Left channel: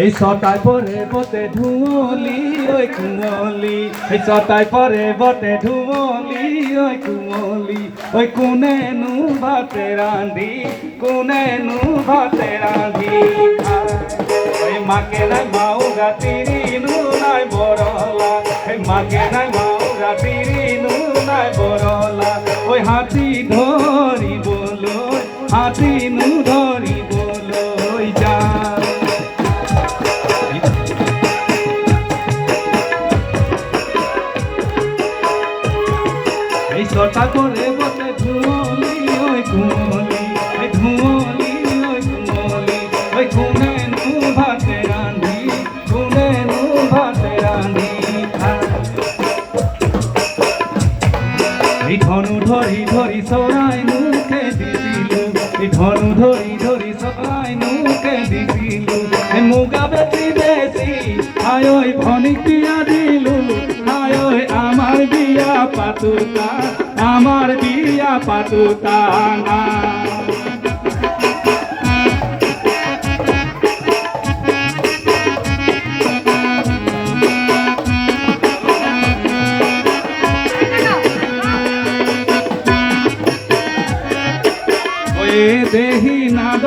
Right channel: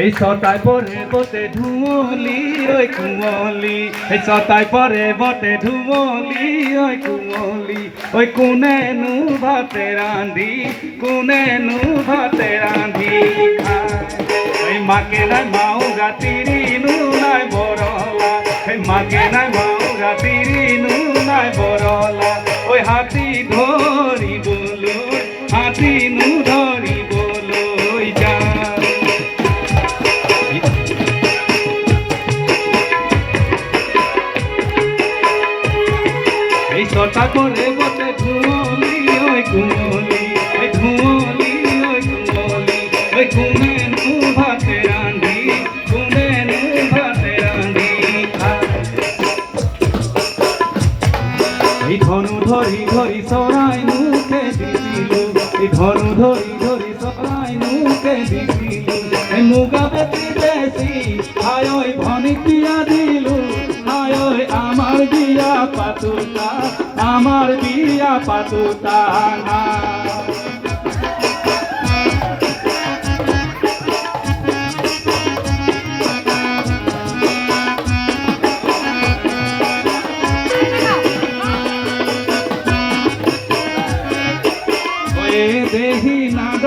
এই সতায় পরে বটে ঢুমলি ওই কুমলি, এই সতায় পরে বটে ঢুমলি ওই কুমলি, ওই কোনে নু ভাতে রাঁধি, কোনে নু ভাতে রাঁধি ওই মাকে নাই মাও গাতিরি নু নাই বরলা, এই মাকে নাই মাও গাতিরি নু নাই বরলা, ওই হাতি ধরি বলো, হাতি নু ধরি বলো যা। এই সতা করে বসে ঘুমলি ওই ঘুমলি, ওই ঘুমলি ওই ঘুমলি, ওই ঘুমে নু ভাতে রাঁধি, ঘুমে নু ভাতে রাঁধি এই ধনু ধরি ধরি সরাই মুখে দিছিল, এই ধনু ধরি ধরি সরাই মুখে দিছিল, এই মুগা বেশি বেশি আয় ওই ভনিক দিয়া দিল, আয় ওই আমার বিয়া পাতুকা, আমার বিয়া পাতুকা না। দেহি নাদ